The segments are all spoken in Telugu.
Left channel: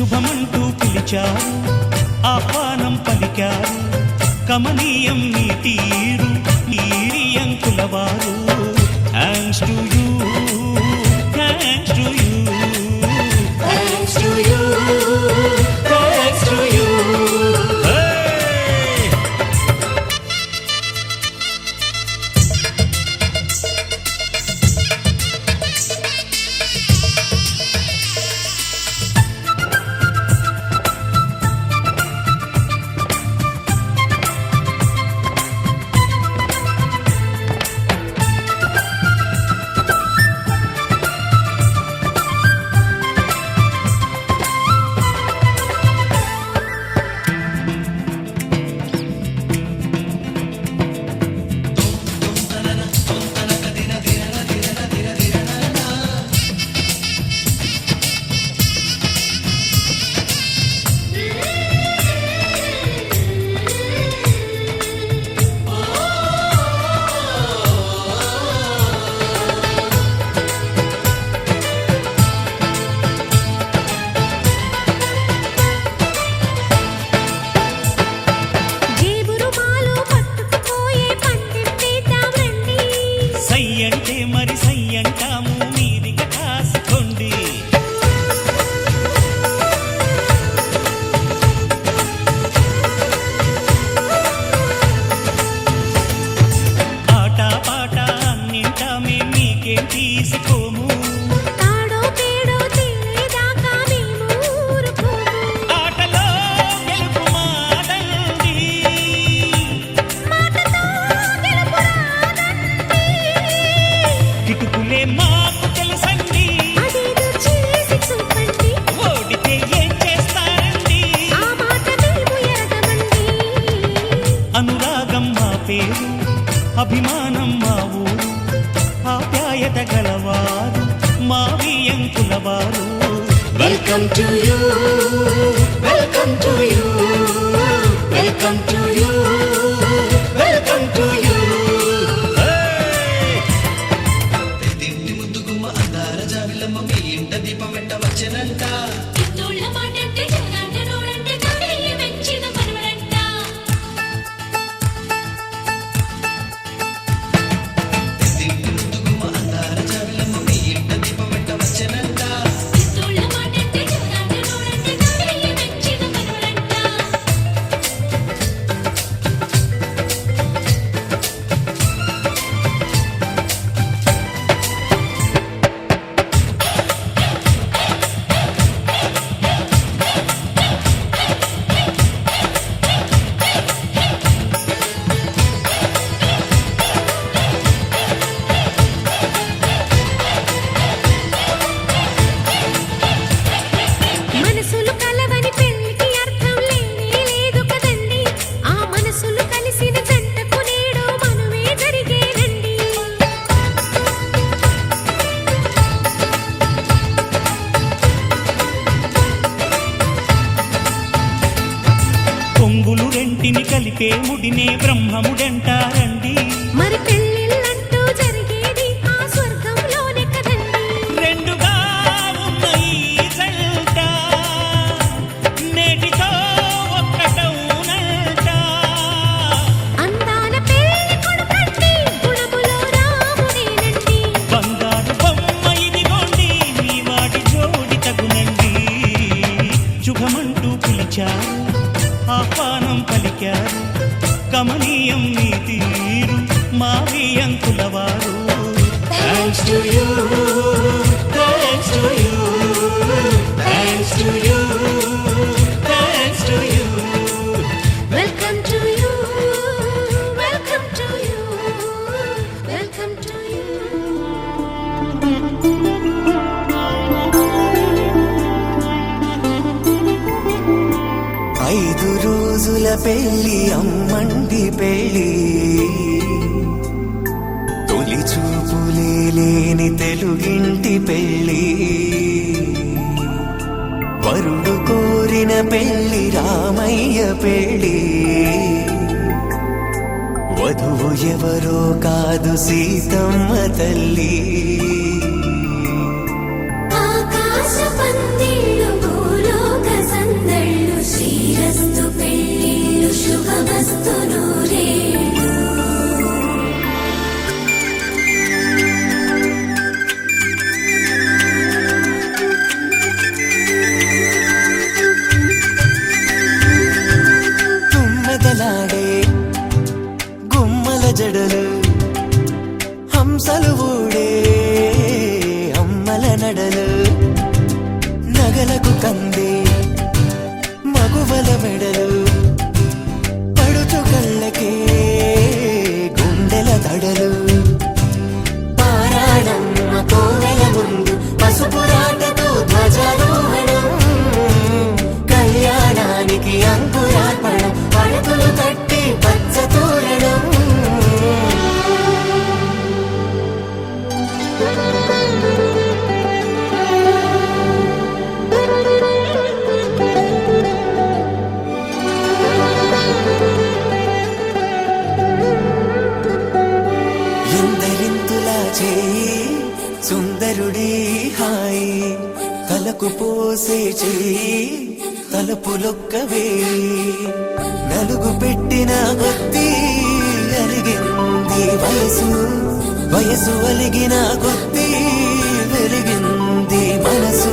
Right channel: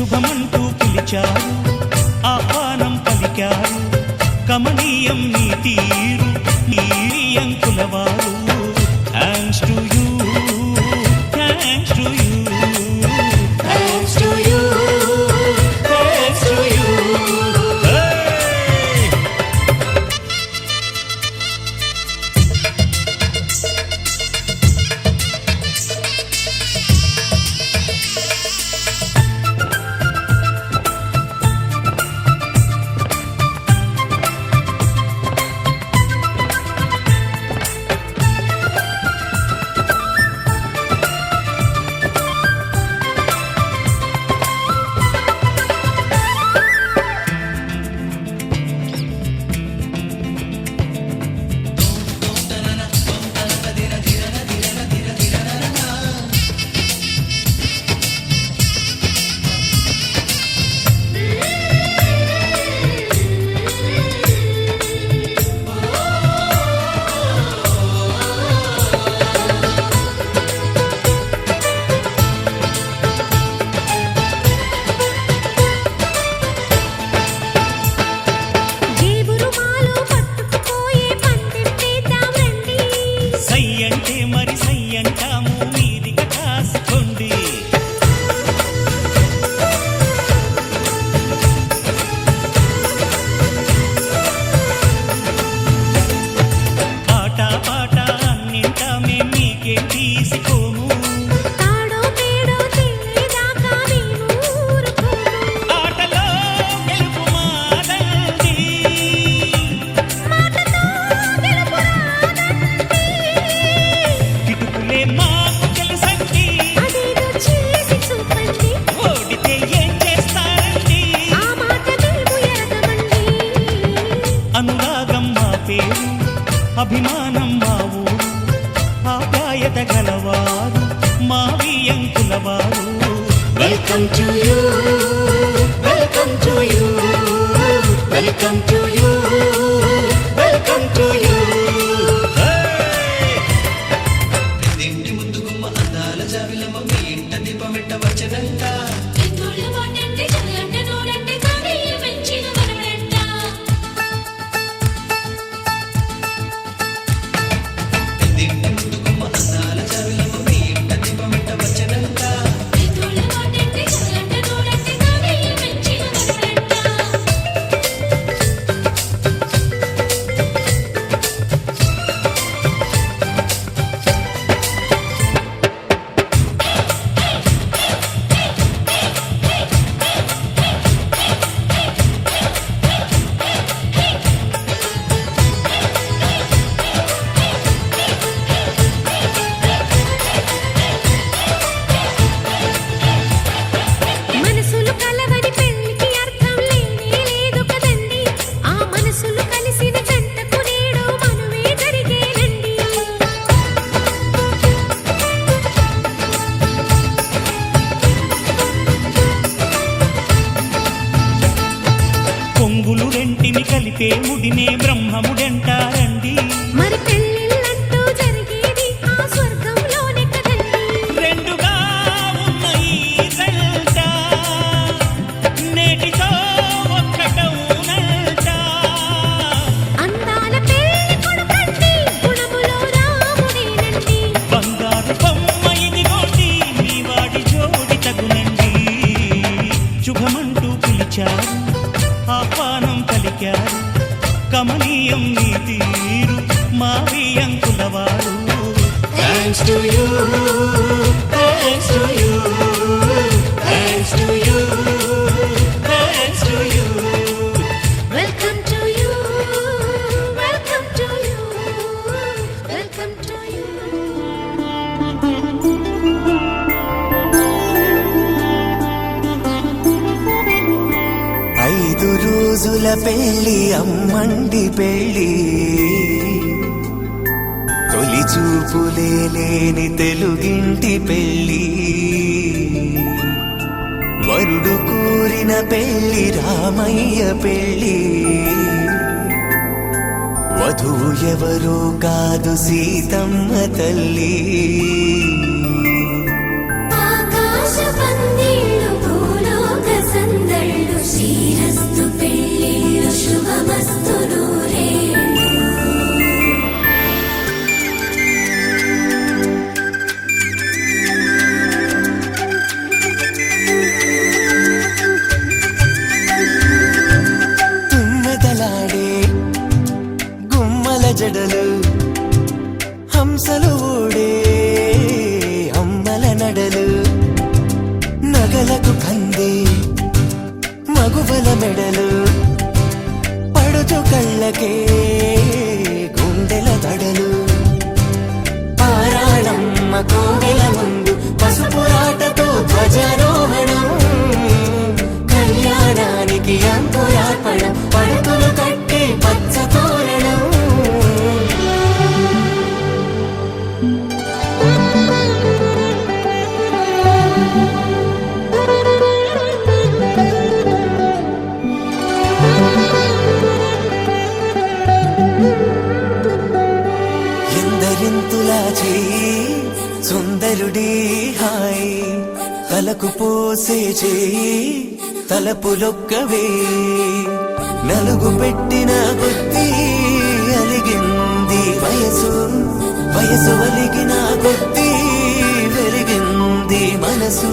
శుభమంటూ పిలిచారు, ఆహ్వానం పలికారు, కమనీయం మీ తీరు ఈ అంకులవారు. Thanks to you, thanks to you, thanks to you, thanks to you. సయ్యంటే మరి సయ్యంటాము, మీదిక కాసుకోండి. ఆట పాట అన్నింటా మేం మీకేం తీసిపోము. తాడో పేడో తెలియదాకా మేము ఊరుకోము. ఆటలో గెలుపు మాదండి, మాటతో గెలుపు రాదండి. కిటుకులే మాకు తెలుసండి, అదేదో చేసి చూపండి. ఓడితే ఏం చేస్తారండి, ఆ మాట మేము ఎరగమండి. అనురాగం మా పేరు, అభిమానం మా ఊరు, ఆప్యాయత గలవారు మా వియంకులవారు. Welcome to you, welcome to you, welcome to you, welcome to you. మనసులు కలవని పెళ్లికి అర్థం లేనే లేదు కదండి. ఆ మనసులు కలిసిన జంటకు నేడు మనువే జరిగేనండి. కొంగులు రెంటిని కలిపే ముడినే బ్రహ్మముడంటారండి. మరి పెళ్ళిళ్ళంటూ జరిగేది ఆ స్వర్గంలోనే కదండి. రెండుగా ఉన్న ఈ జంట నేటితో ఒక్కటవునంట. అందాల పెళ్లి కొడుకండి, గుణములో రాముడేనండి. బంగారు బొమ్మ ఇదిగోండి, మీ వాడి జోడి తగునండి. శుభమంటూ పిలిచారు, ఆహ్వానం పలికారు, కమనీయం మీ తీరు మా వియంకులవారు. Thanks to you, thanks to you, thanks to you, thanks to you. Welcome to you, welcome to you, welcome to you. రోజుల పెళ్లి అమ్మండి పెళ్లి, తొలి చూపులే లేని తెలుగింటి పెళ్లి, వరుడు కోరిన పెళ్లి రామయ్య పెళ్లి, వధువు ఎవరో కాదు సీతమ్మ తల్లి. ఆకాశ పందిళ్ళు భూలోక తలకు పోసే చేయి తలపులొక్కవే నలుగు పెట్టిన కొద్దీ అలిగింది వయసు వయసు ఒలిగిన కొద్దీ వెలిగింది మనసు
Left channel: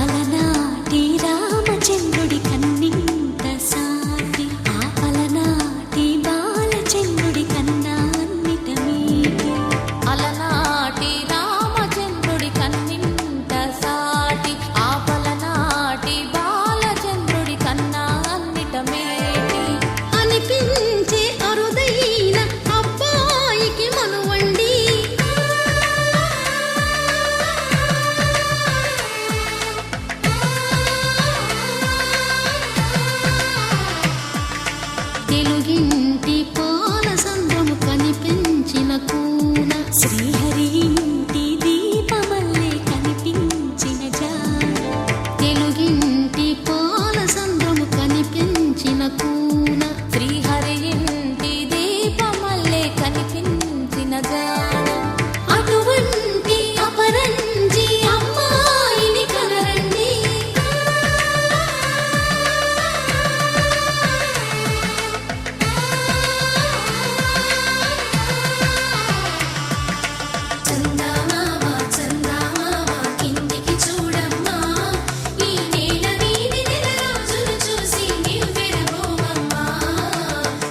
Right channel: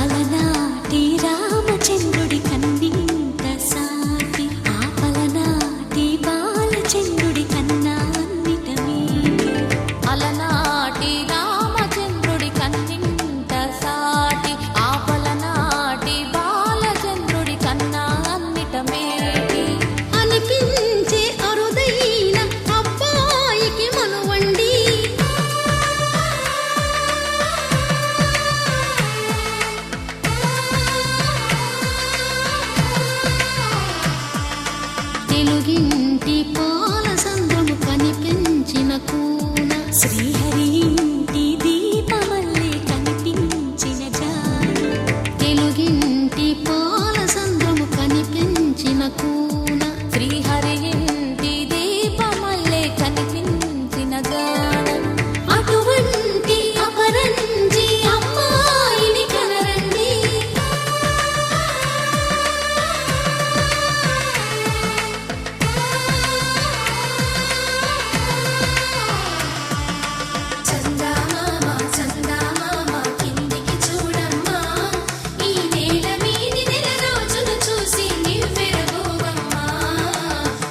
అలనాటి రామచంద్రుడి కన్నింత సాటి ఆపలనాటి బాలచంద్రుడి కన్నా అన్నిట మీటి అలనాటి రామచంద్రుడి కన్నింత సాటి ఆపలనాటి బాలచంద్రుడి కన్నా అన్నిట మేటి అనిపించే అరుదైన అబ్బాయికి మనువండి తెలుగింటి పాలసంద్రము కనిపించిన కూన శ్రీహరి ఇంటి దీపమల్లే కనిపించిన జాన తెలుగింటి పాలసంద్రము కనిపించిన కూన శ్రీహరి ఇంటి దీపమల్లే కనిపించిన జాడ అటువంటి అపరంజి అమ్మాయిని కనరండి చందమామ చందమామ కిందికి చూడమ్మా ఈ నేల వీడి నెల రోజులు చూసి నివ్వెరబోవమ్మా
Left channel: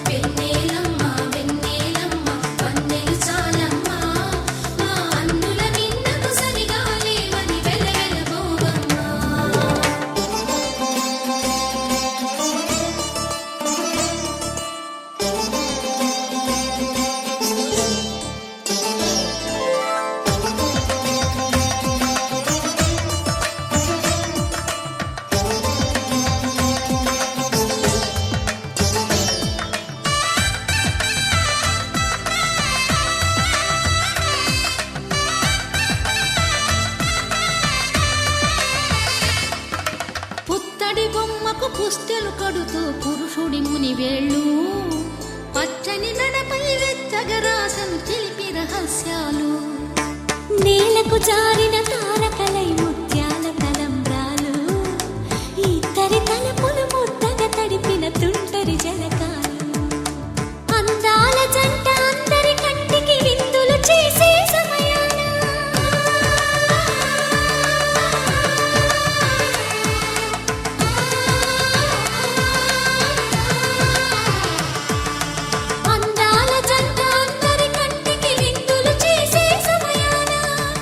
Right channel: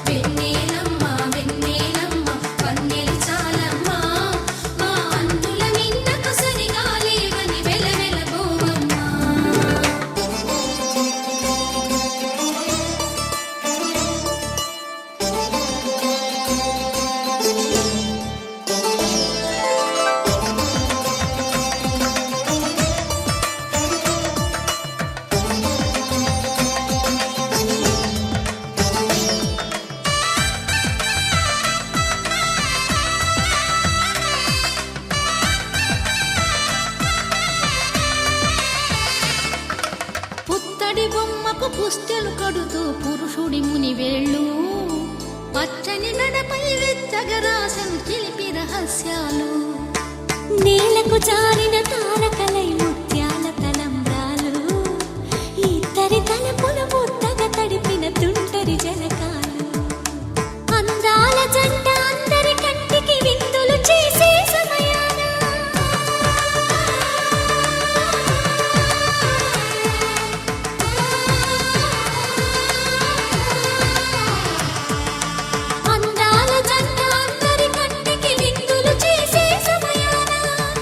వెన్నెలమ్మ వెన్నెలమ్మ వన్నెలు చాలమ్మా మా అన్నుల మిన్నకు సరిగా లేవని వెలవెలబోవమ్మా పుత్తడి బొమ్మకు పుస్తెలు కడుతూ పురుషుడి ముని వేళ్ళు పచ్చని నడపై వెచ్చగరాసను చిలిపి రహస్యాలు నేలకు జారిన తారకలై ముత్యాల తలంబ్రాలు ఇద్దరి తలపులు ముద్దగా తడిపిన తుంటరి జలకాలు అందాల జంట అందరి కంటికి విందులు చేసే సమయాన అందాల జంట అందరి కంటికి విందులు చేసే సమయాన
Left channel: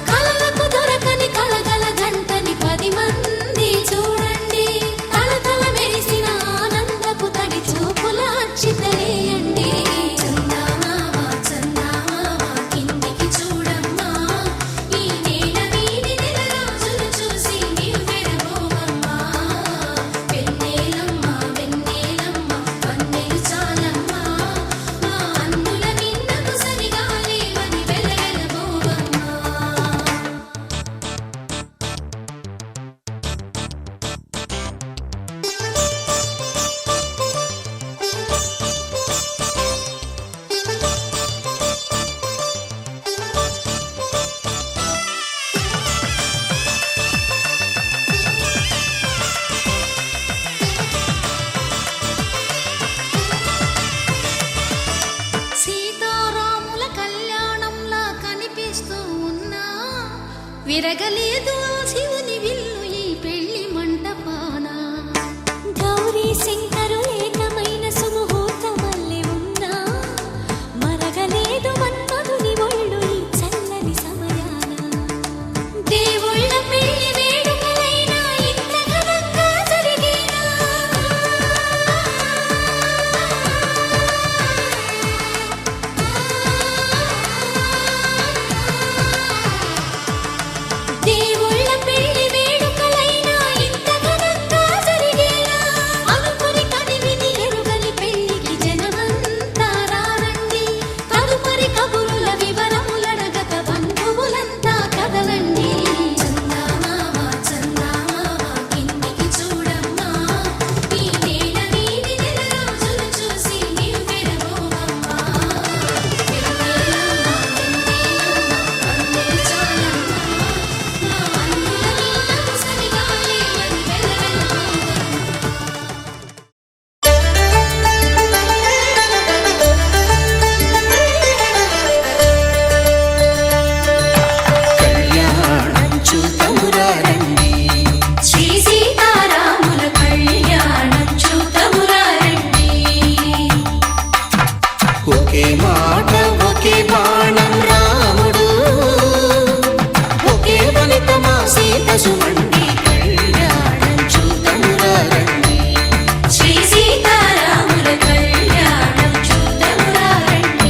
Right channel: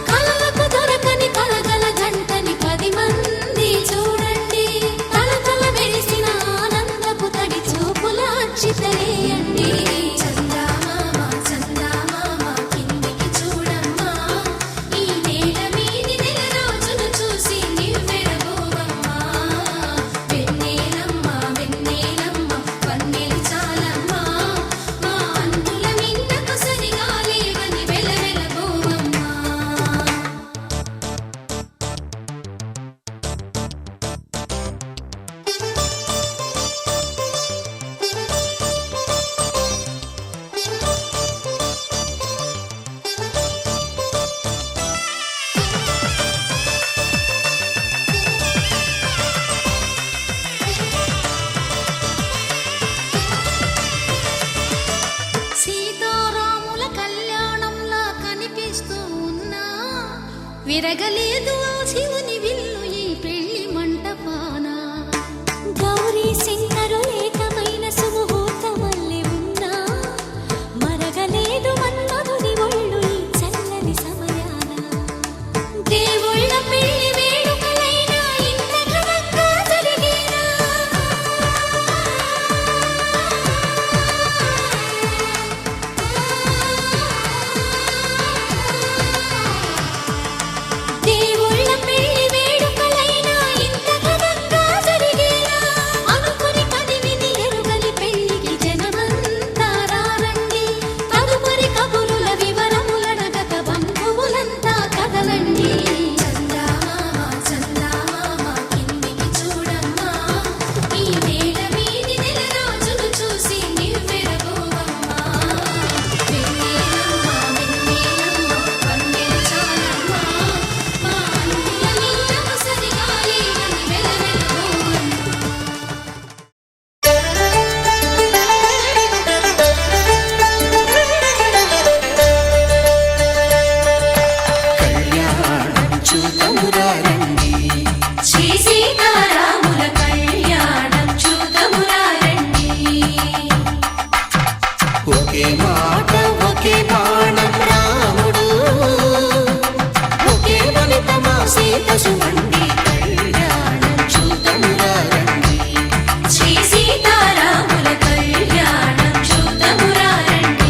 కలలకు దొరకని కలగల జంటని 10 మంది చూడండి తలతల మెరిసిన ఆనందపు తడి చూపుల అచ్చితలేయండి చందమామ చందమామ కిందికి చూడమ్మా ఈ నేల వీడి నెల రోజులు చూసి నివ్వెరబోవమ్మా వెన్నెలమ్మ వెన్నెలమ్మ వన్నెలు చాలమ్మా మా అన్నుల మిన్నకు సరిగా లేవని వెలవెలబోవమ్మా సీతారాముల కళ్యాణంలా కనిపిస్తూ ఉన్నా విరగలేదు ఆ శివుని విల్లు ఈ పెళ్లి మంటపాన గౌరీ శంకరు ఏకమైన సుముహూర్తమల్లె ఉన్నా మరగలేదు మన్మధుని ఒళ్ళు ఈ చల్లని సమయాన దేవుళ్ళ పెళ్లి వేడుకలైనా ఇంత ఘనంగా జరిగేనా దేవుళ్ళ సుమండి కళ్యాణం చూతమురా రండి. శ్రీ సీతారాముల కళ్యాణం చూతమురా రండి.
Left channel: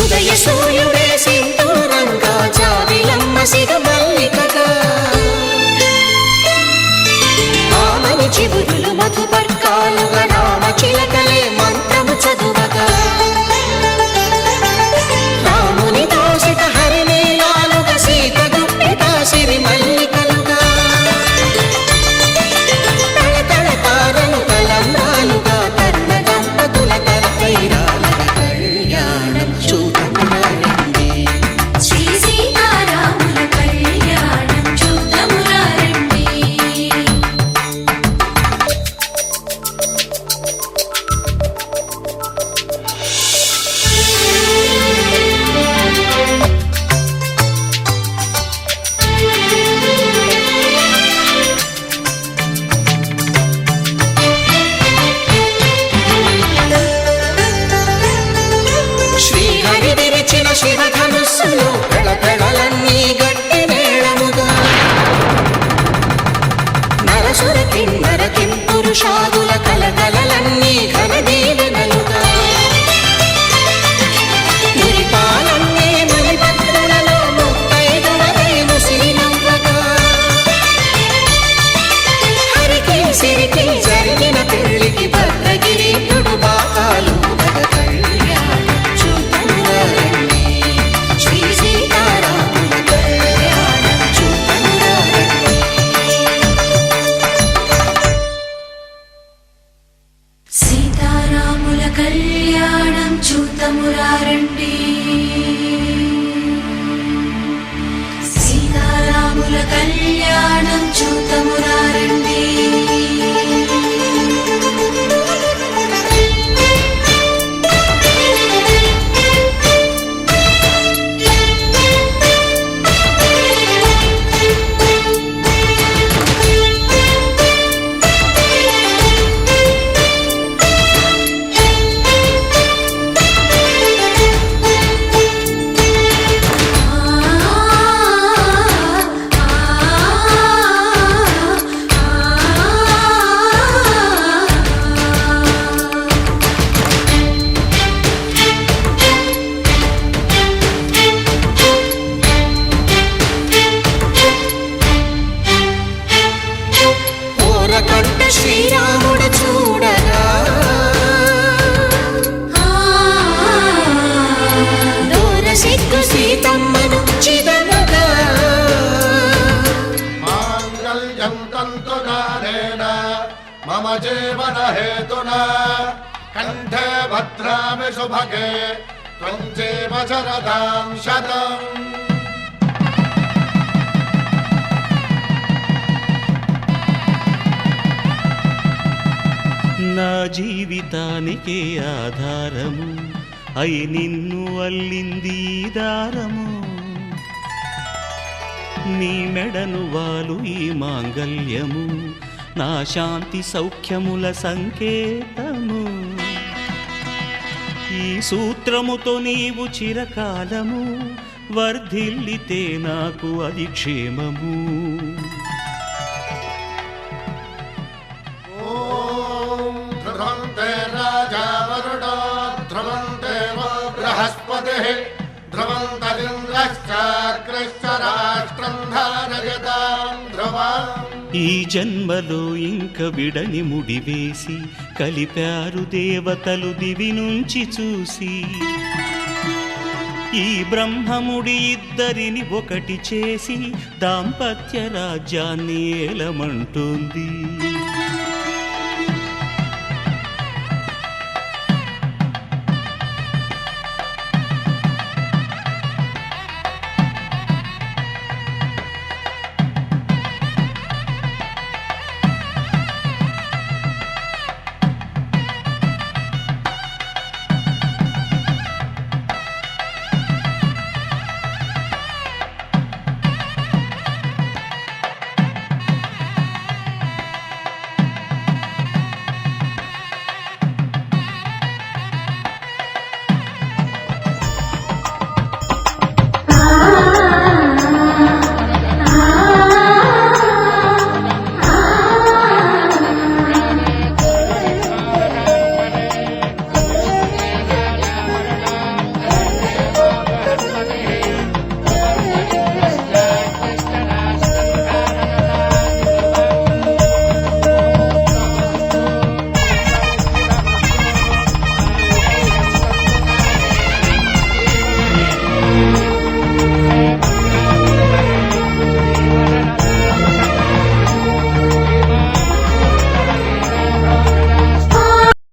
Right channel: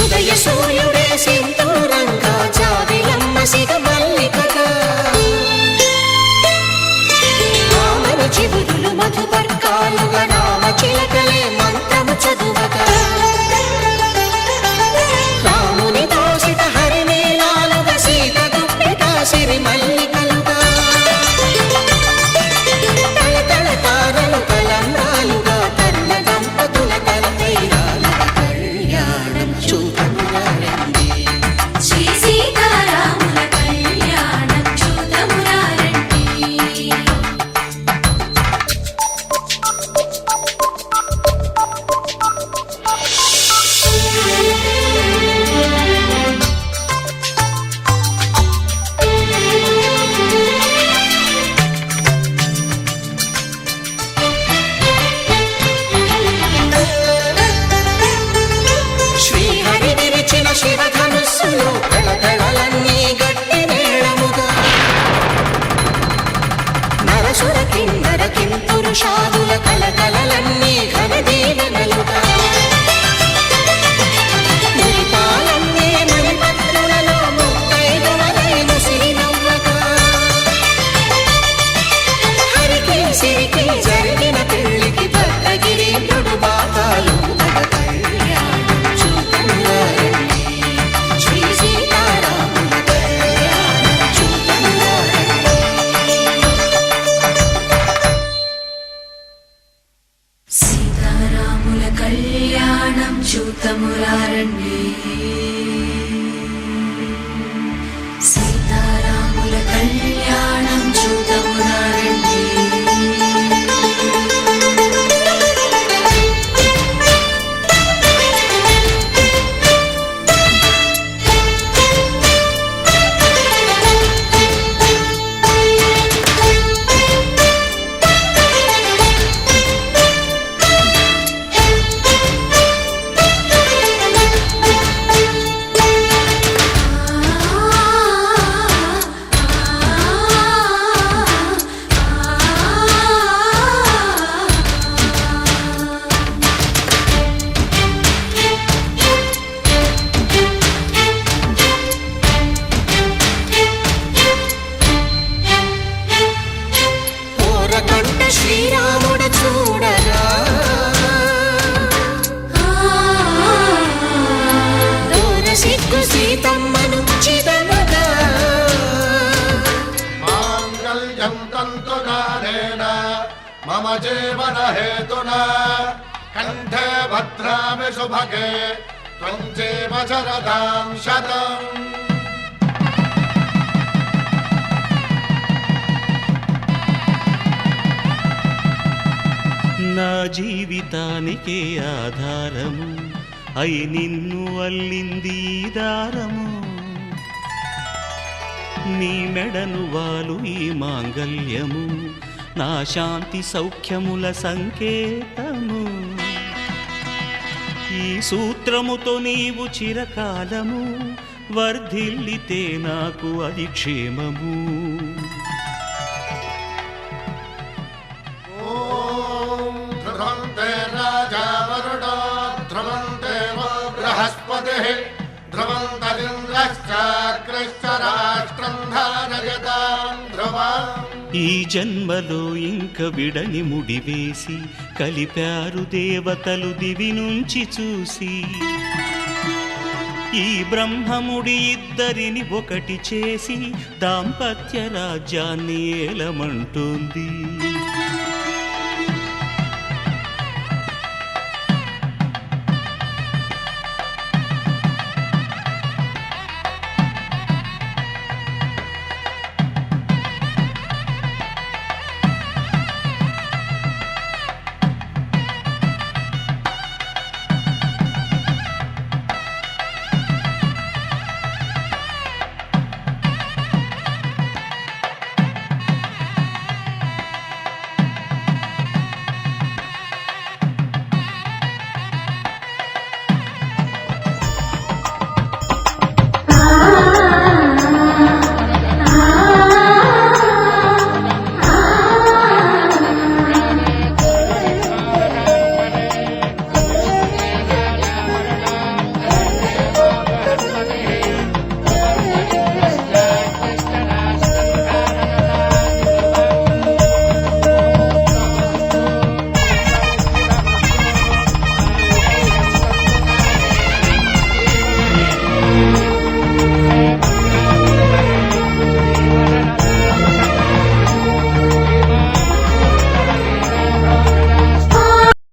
ఉదయ సూర్యుడే సింధూరంగా జాబిలమ్మ సిగ మల్లికగా ఆమని చివురులు మధుపర్కాలుగా రామ చిలకలే మంత్రము చదువగా రాముని దోసిట హరినీలాలుగా సీత గుప్పిట సిరి మల్లికలుగా తళతళ తారలు తలంబ్రాలుగా తరుణ దంపతుల తలపైరాలుగా కళ్యాణం చూతమురా రండి. శ్రీ సీతారాముల కళ్యాణం చూతమురా రండి. శ్రీహరి విరిచిన శివధనుస్సులు పెళపెళలన్నీ గట్టి మేళముగా నరసుర కిన్నర కింపురుషాదుల కలకలలన్నీ ఘన దీవెనలుగా మురిపాలన్నీ మణిపత్రులలో ముత్తైదువలే ముసిరి నవ్వగా హరికి సిరికి జరిగిన పెళ్లికి భద్రగిరీంద్రుడు బాకాలు కళ్యాణం చూతమురా రండి. శ్రీ సీతారాముల కళ్యాణం చూతమురా రండి. సీతారాముల కళ్యాణం చూతమురా రండి. సీతారాముల కళ్యాణం చూతమురా రండి. కంట శ్రీరాముడు చూడగా దూర సిగ్గు సీతమ్మను చిదమగా మాంగళ్యం తంతునారేణ మమ జీవన హేతునా కంఠే భద్రామి శుభగే త్వం జీవ శరదాం శతం. నా జీవితానికే ఆధారము అయి నిన్ను అల్లింది ఈ దారము. నీ మెడను వాలు ఈ మాంగల్యము నా శాంతి సౌఖ్యముల సంకేతము. ఈ సూత్రముతో నీవు చిరకాలము వర్ధిల్లితే నాకు అది క్షేమము. ధ్రువంతే రాజా వరుణో ధ్రువంతే బృహస్పతిః ధ్రువంతరింద్రశ్చాగ్రశ్చ రాష్ట్రం ధారయతాం ధ్రువం. ఈ జన్మలో ఇంక విడని ముడివేసి కలిపారు దేవతలు దివి నుంచి చూసి. ఈ బ్రహ్మముడి ఇద్దరిని ఒకటి చేసి దాంపత్య రాజ్యాన్ని ఏలమంటుంది.